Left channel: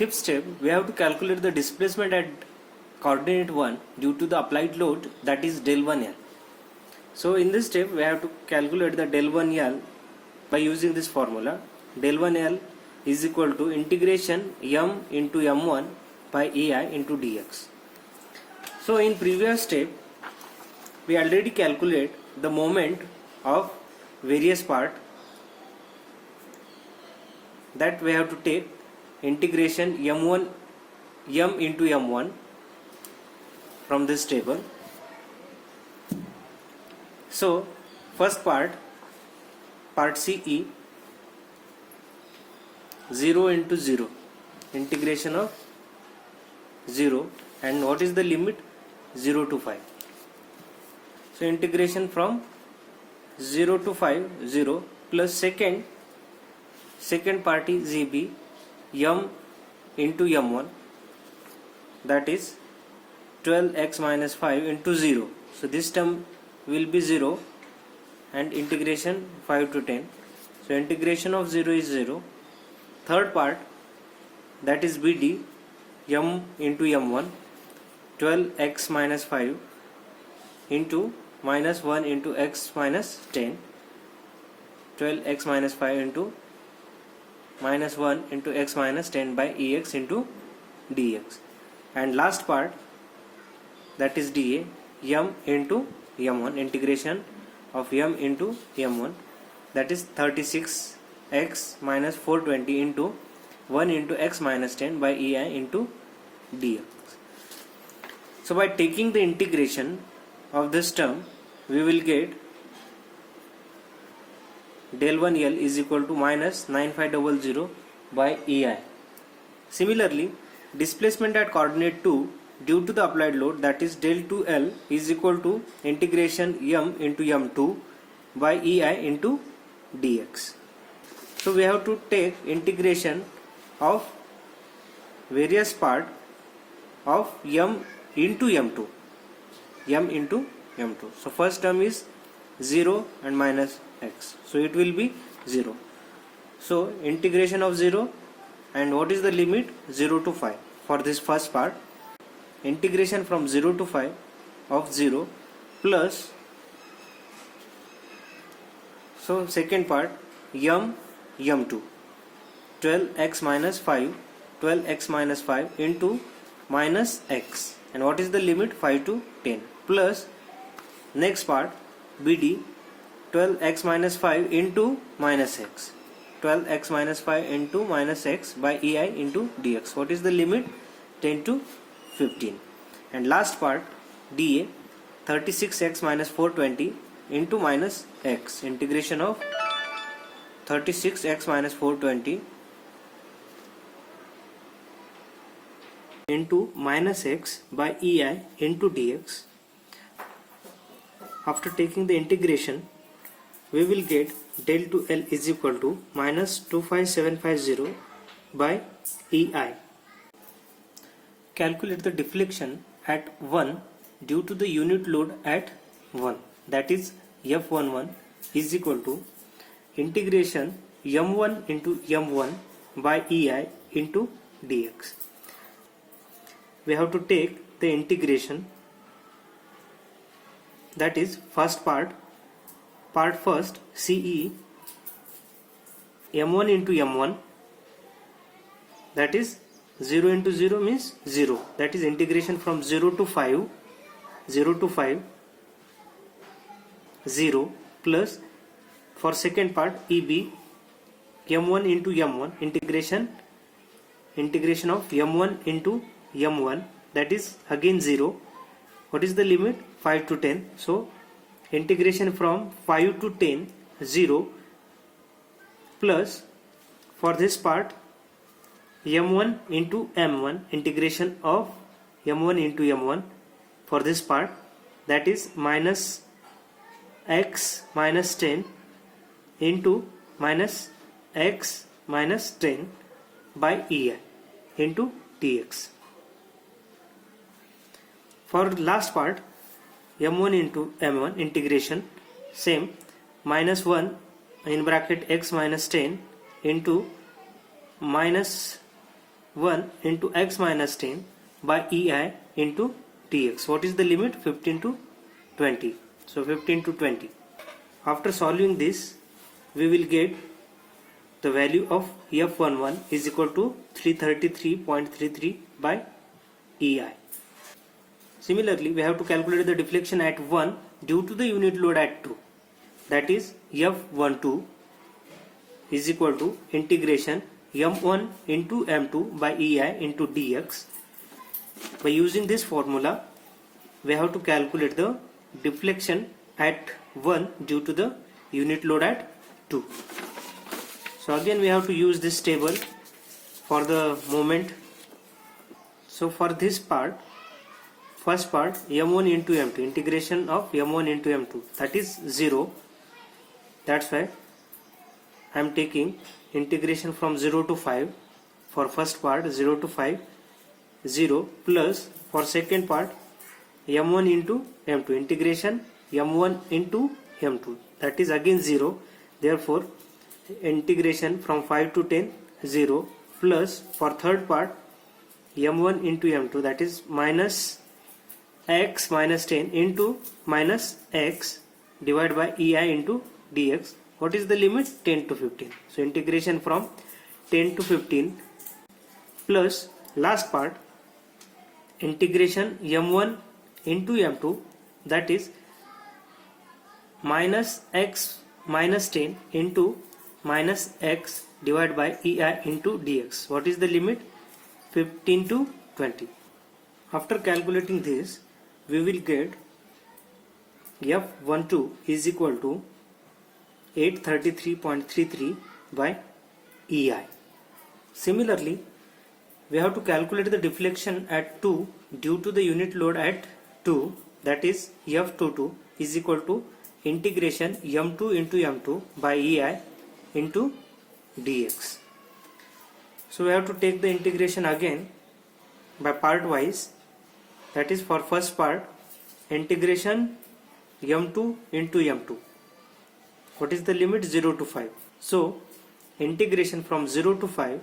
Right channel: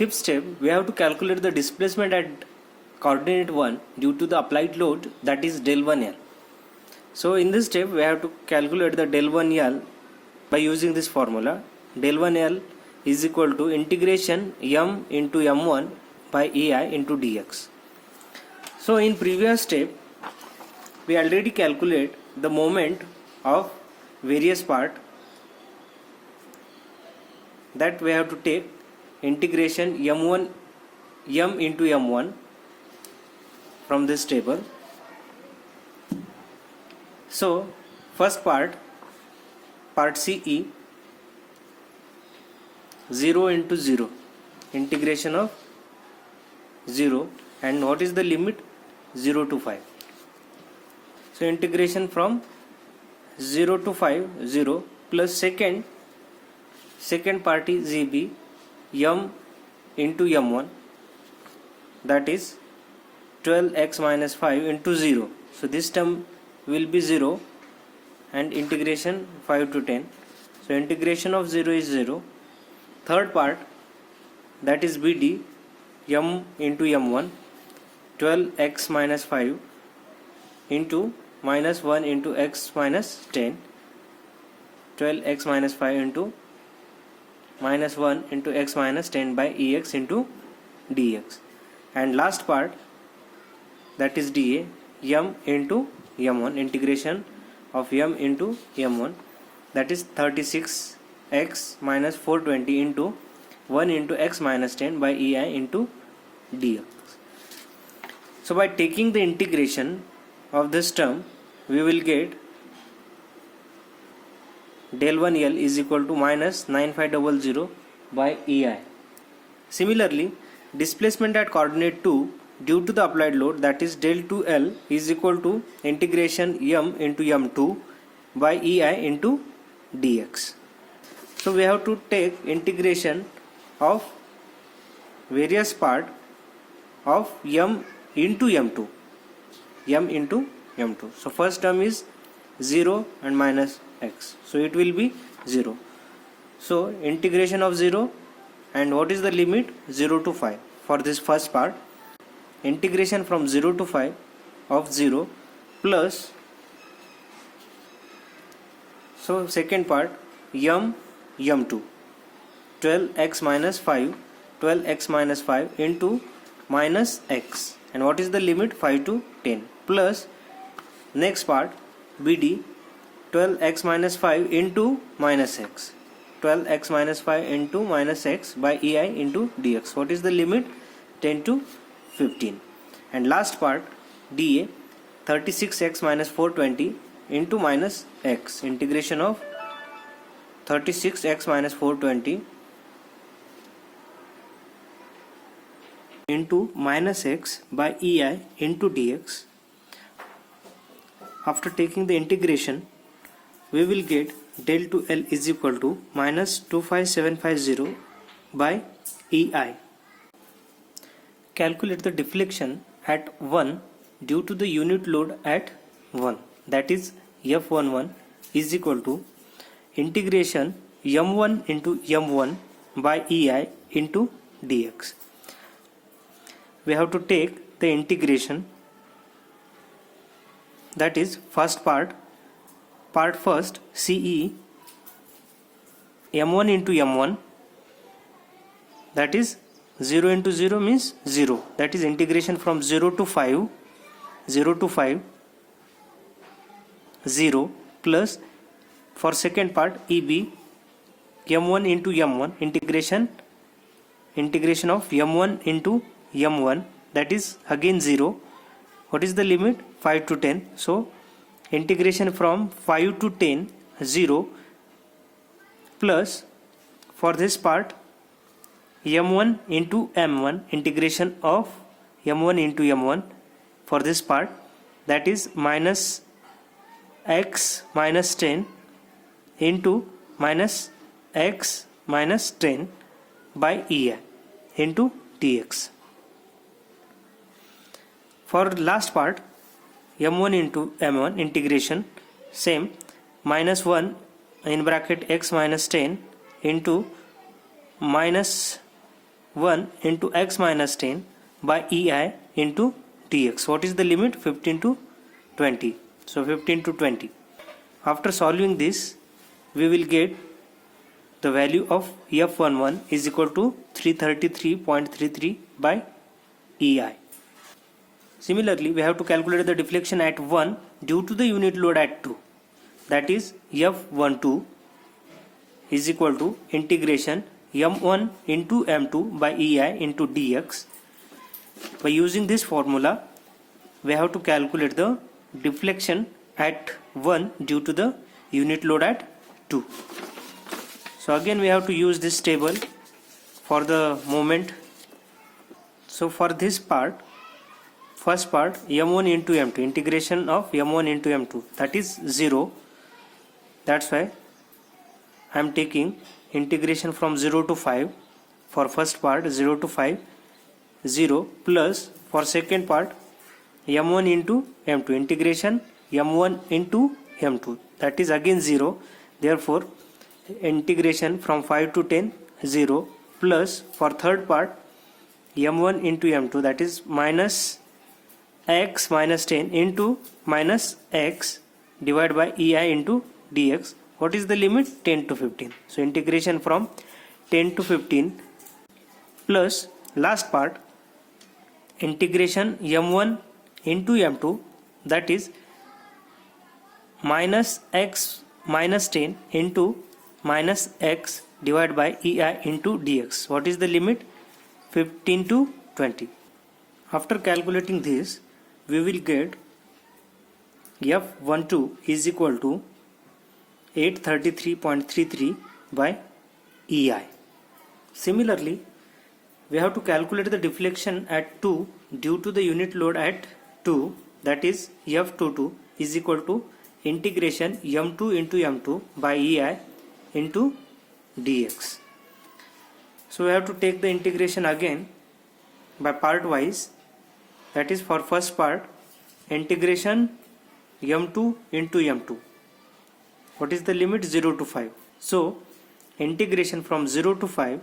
fifth step, we have to calculate the displacement at coordinate 1 due to the applied load, that is del 1L. So in this step we have to calculate the del 1L by using this formula. Del 1L is equal to integration m into m1 by ei into dx. So in previous step we already calculate the moment of various part, that we have to take integration m into m1 from this table. So first part CE, 0 into 0, integration of 0, and what is the limit? 0 to 5. So integration from 0 to 5, 0, plus second part is EB, m into m1, that is 12x minus 5 into 0. So this term will be 0 and integration 5 to 10. So integration of 0 is 0. Third part, that is BD, m into m1, 12x minus 5 into minus 1 into x minus 10, 12x minus 5 into minus 1 into x minus 10 by ex into dx. And last part, that is dA, m into m1, integration of m into m1, that is 36x minus 420 into 1 into x minus 10 by ei into dx. So by taking the integration of this term, we will get del 1L is equal to minus 9500 by ei. Similarly, displacement at coordinate 2 due to the applied load, that is del 2L is equal to integration m into m2 by ei into dx. So we have to take integration of various part of m into m2, m into m2. So first term is 0 and minus x, so it will be 0. So integration of 0, and what is the limit? 0 to 5 for this first part. Integration from 0 to 5 of 0 plus, so second part m2, 12x minus 5, 12x minus 5 into minus x, and what is the limit? 5 to 10, plus next part BD, 12x minus 5 into minus x, 12x minus 5 into minus x by ei into dx. What is the limit? 10 to 15. And last part dA, 36x minus 420 into minus x, integration of 36x minus 420 into minus x by ei into dx. After taking the integration, we will get del 2L is equal to minus 25750 by ei. Calculate the deflection at 1 due to the unit load at 1, that is F11 is equal to integration m1 into m1 by ei into dx. We have to take the integration, that is first part first CE, m1 into m1, that is 0 into 0 means 0, that is integration from 0 to 5, 0, plus for second part EB, m1 into m1, integration of m1 into m1, that is again 0. What is the limit? 5 to 10. So integration from 5 to 10, 0, plus for this part m1 into m1, integration of m1 into m1 for this part, that is minus x minus 10 into minus x minus 10 by ei into dx. For last part m1 into m1, integration same, minus 1 in bracket x minus 10 into minus 1 into x minus 10 by EI into dx. What is the limit? 15 to 20. So 15 to 20. After solving this, we will get the value of F11 is equal to 333.33 by EI. Similarly, we have to calculate the deflection at 1 due to the unit load at 2. That is F12 is equal to integration m1 into m2 by EI into dx. By using this formula, we have to calculate the deflection at 1 due to the unit load at 2. So again we have to use this table for the moment. So for this part, first part, m1 into m2, integration of m1 into m2, that is 0. That's why I am taking integration from 0 to 5 for first part, 0 to 5, 0, plus for second part m1 into m2, integration m1 into m2, that is again 0. Therefore integration from 5 to 10, 0, plus for third part m1 into m2, that is minus x minus 10 into minus x divided by EI into dx. What is the limit? 10 to 15. So integration from 10 to 15 plus last part integration m1 into m2, that is minus x minus 10 into minus x divided by EI into dx. What is the limit? 15 to 20. After calculating this, we will get F12 is equal to 833.33 by EI. Similarly, we have to calculate the deflection at 2 due to the unit load at 2, that is F22 is equal to integration m2 into m2 by EI into dx. So we have to take the integration again by part wise. That is for first part, integration m2 into m2. What is the limit? 0 to 5. So integration from 0 to 5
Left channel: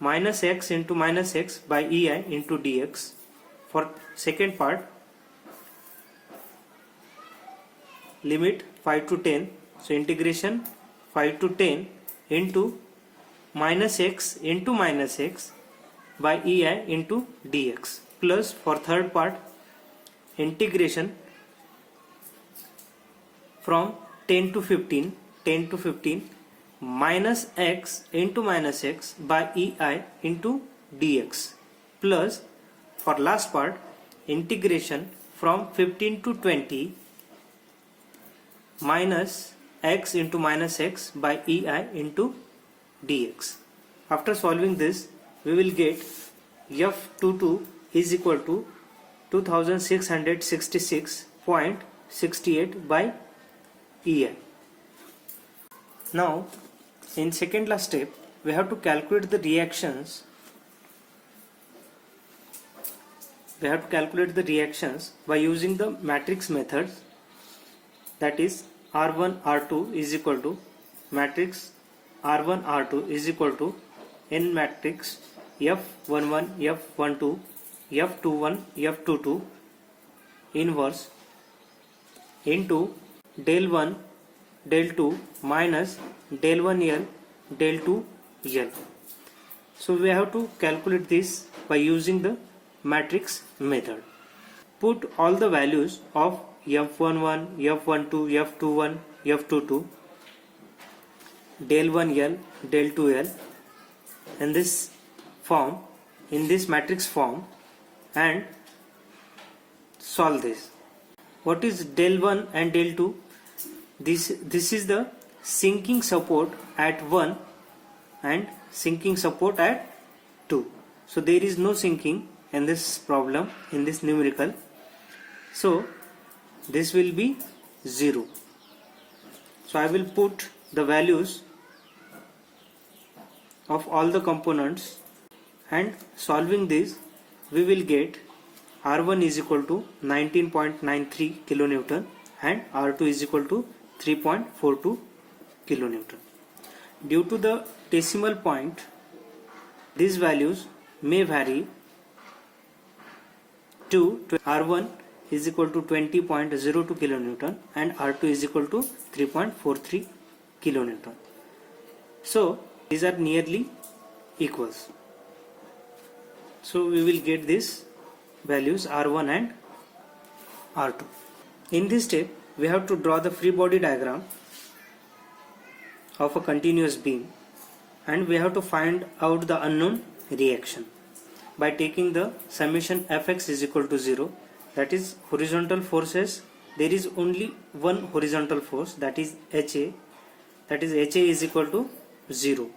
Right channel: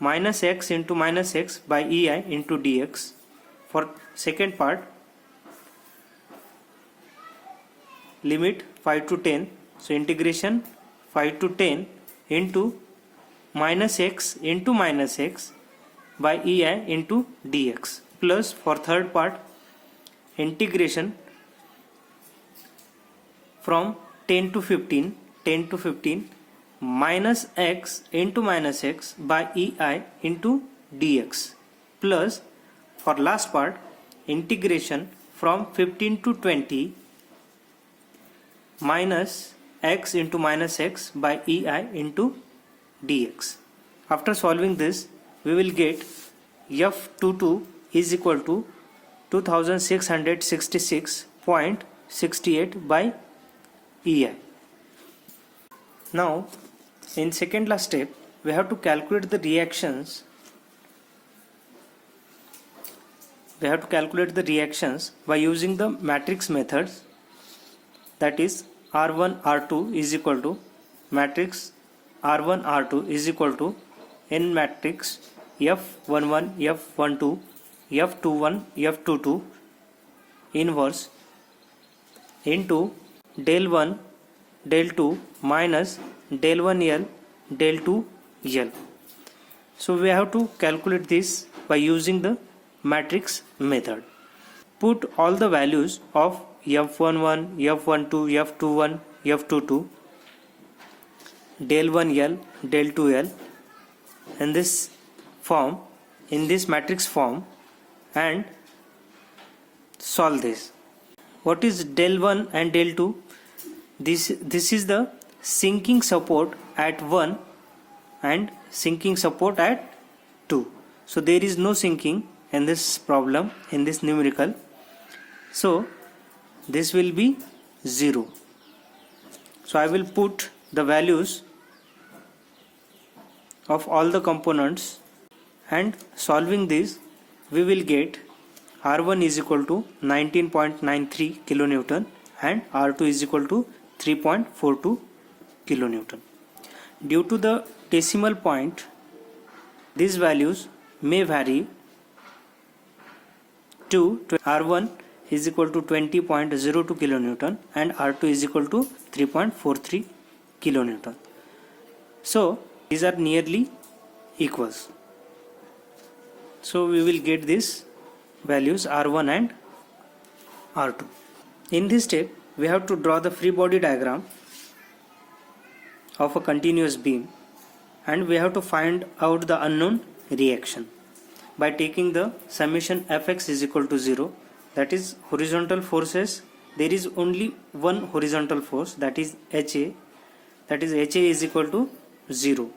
minus x into minus x by EI into dx. For second part, limit 5 to 10. So integration 5 to 10 into minus x into minus x by EI into dx, plus for third part integration from 10 to 15 minus x into minus x by EI into dx, plus for last part integration from 15 to 20 minus x into minus x by EI into dx. After solving this, we will get F22 is equal to 2666.68 by EI. Now in second last step, we have to calculate the reactions. We have to calculate the reactions by using the matrix methods, that is R1 R2 is equal to matrix R1 R2 is equal to n matrix F11 F12 F21 F22 inverse into del 1 del 2 minus del 1L del 2L. So we have to calculate this by using the matrix method. Put all the values of F11, F12, F21, F22, del 1L, del 2L in this form, in this matrix form, and solve this. What is del 1 and del 2? This is the sinking support at 1 and sinking support at 2. So there is no sinking in this problem, in this numerical. So this will be 0. So I will put the values of all the components, and solving this we will get R1 is equal to 19.93 kilonewton and R2 is equal to 3.42 kilonewton. Due to the decimal point, these values may vary to R1 is equal to 20.02 kilonewton and R2 is equal to 3.43 kilonewton. So these are nearly equals. So we will get these values R1 and R2. In this step we have to draw the free body diagram of a continuous beam, and we have to find out the unknown reaction by taking the summation fx is equal to 0, that is horizontal forces. There is only one horizontal force, that is HA, that is HA is equal to 0.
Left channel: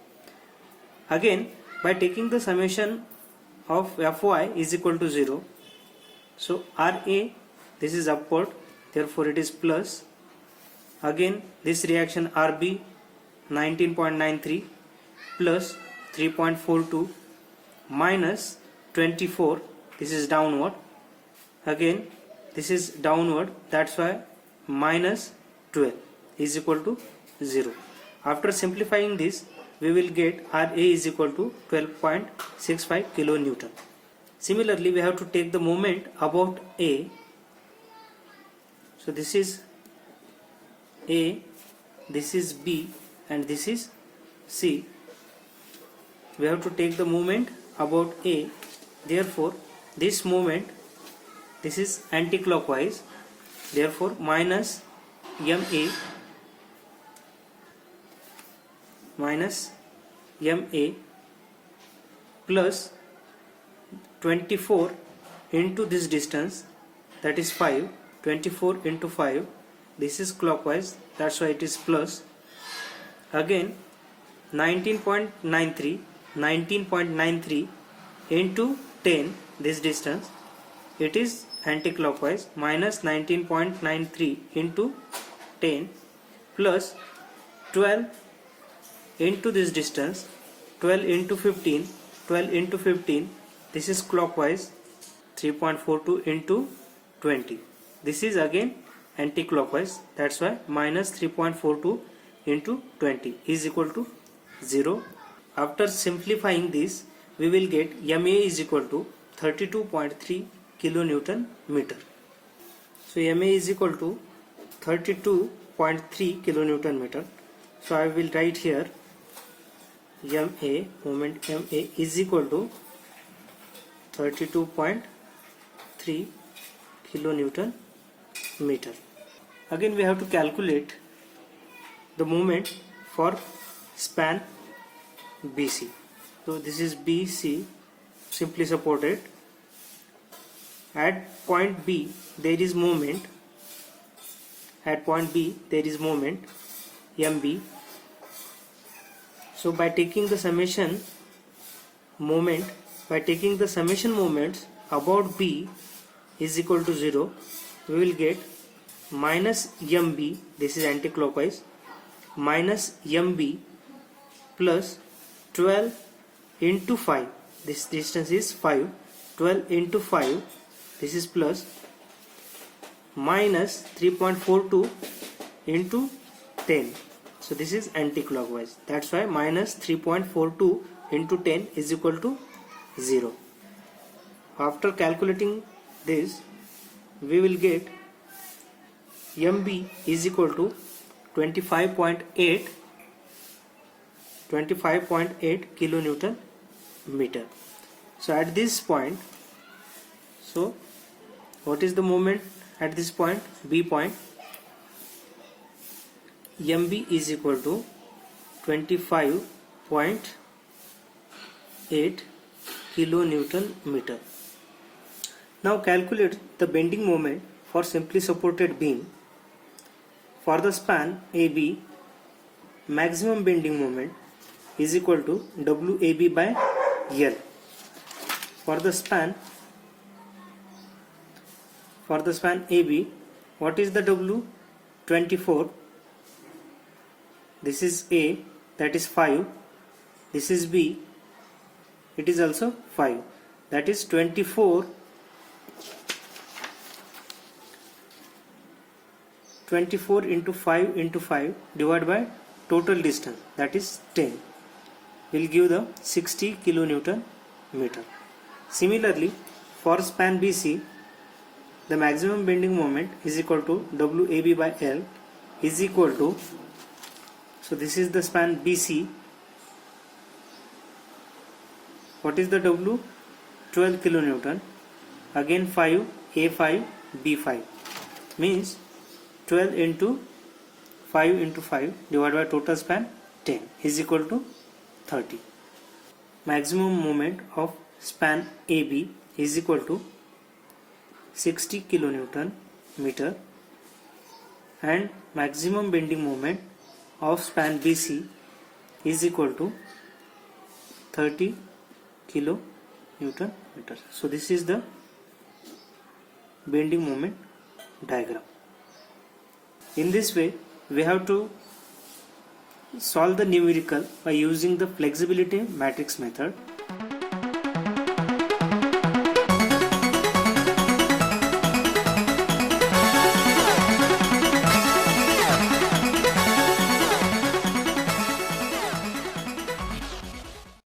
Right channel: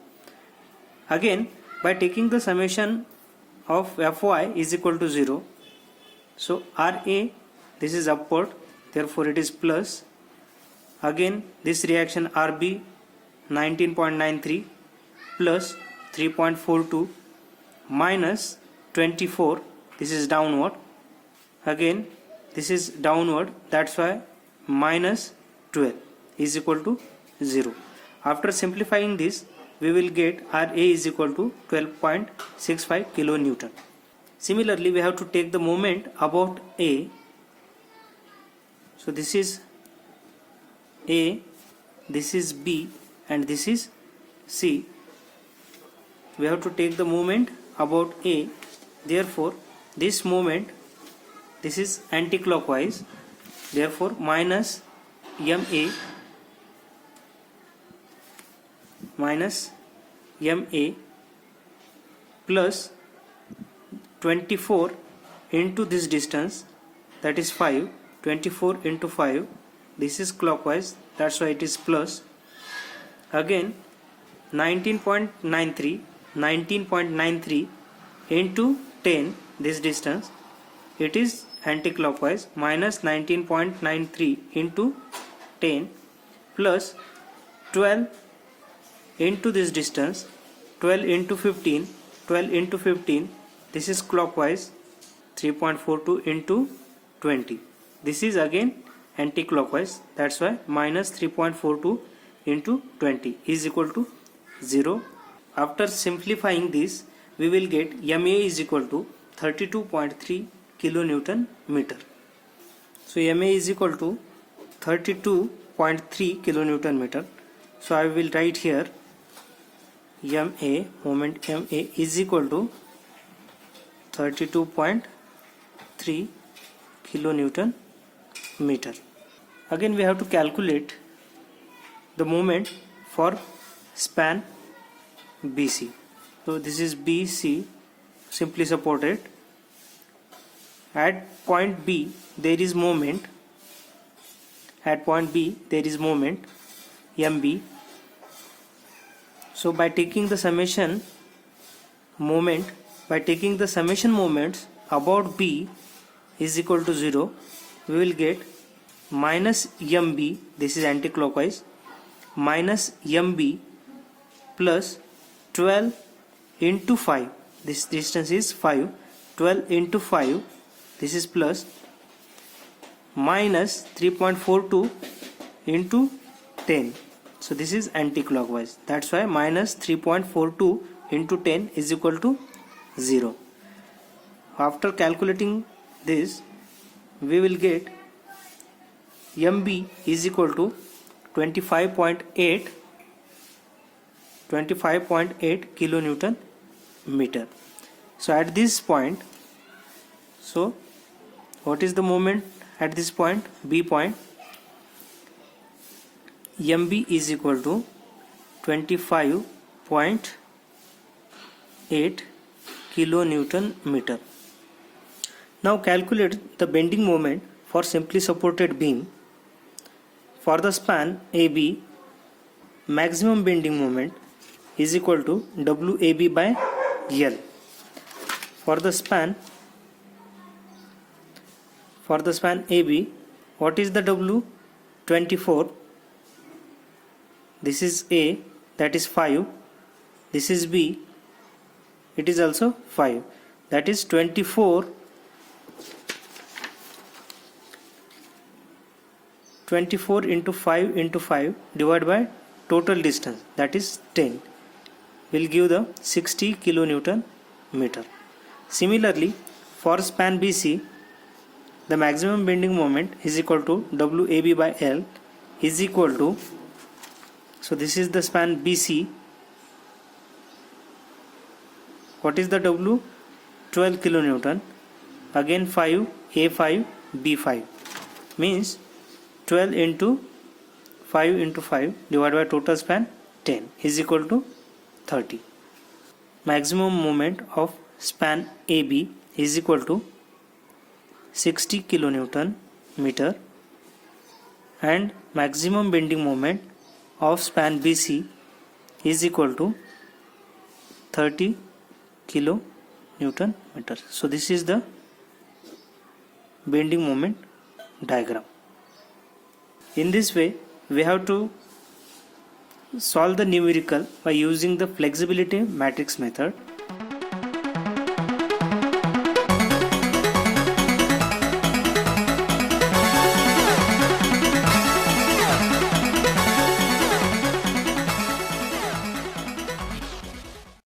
Again, by taking the summation of Fy is equal to 0, so RA, this is upward, therefore it is plus. Again this reaction RB 19.93 plus 3.42 minus 24, this is downward. Again this is downward, that's why minus 12 is equal to 0. After simplifying this, we will get RA is equal to 12.65 kilonewton. Similarly, we have to take the moment about A. So this is A, this is B, and this is C. We have to take the moment about A. Therefore this moment, this is anti-clockwise, therefore minus MA plus 24 into this distance, that is 5. 24 into 5, this is clockwise, that's why it is plus. Again 19.93 into 10, this distance, it is anti-clockwise, minus 19.93 into 10 plus 12 into this distance, 12 into 15, this is clockwise, 3.42 into 20, this is again anti-clockwise, that's why minus 3.42 into 20 is equal to 0. After simplifying this, we will get MA is equal to 32.3 kilonewton meter. So MA is equal to 32.3 kilonewton meter. So I will write here MA, moment MA is equal to 32.3 kilonewton meter. Again we have to calculate the moment for span BC. So this is BC, simply supported. At point B there is moment. At point B there is moment MB. So by taking the summation moments about B is equal to 0, we will get minus MB, this is anti-clockwise, minus MB plus 12 into 5, this distance is 5, 12 into 5, this is plus, minus 3.42 into 10, so this is anti-clockwise, that's why minus 3.42 into 10 is equal to 0. After calculating this, we will get MB is equal to 25.8 kilonewton meter. So at this point, so what is the moment at this point, B point? MB is equal to 25.8 kilonewton meter. Now calculate the bending moment for simply supported beam. For the span AB, maximum bending moment is equal to WAB by L. For the span AB, what is the W? 24. This is A, that is 5. This is B, it is also 5. That is 24 into 5 into 5 divided by total distance, that is 10, will give the 60 kilonewton meter. Similarly, for span BC, the maximum bending moment is equal to WAB by L is equal to, so this is the span BC. What is the W? 12 kilonewton. Again 5, A5, B5. Means 12 into 5 into 5 divided by total span 10 is equal to 30. Maximum moment of span AB is equal to 60 kilonewton meter, and maximum bending moment of span BC is equal to 30 kilonewton meter. So this is the bending moment diagram. In this way, we have to solve the numerical by using the flexibility matrix method.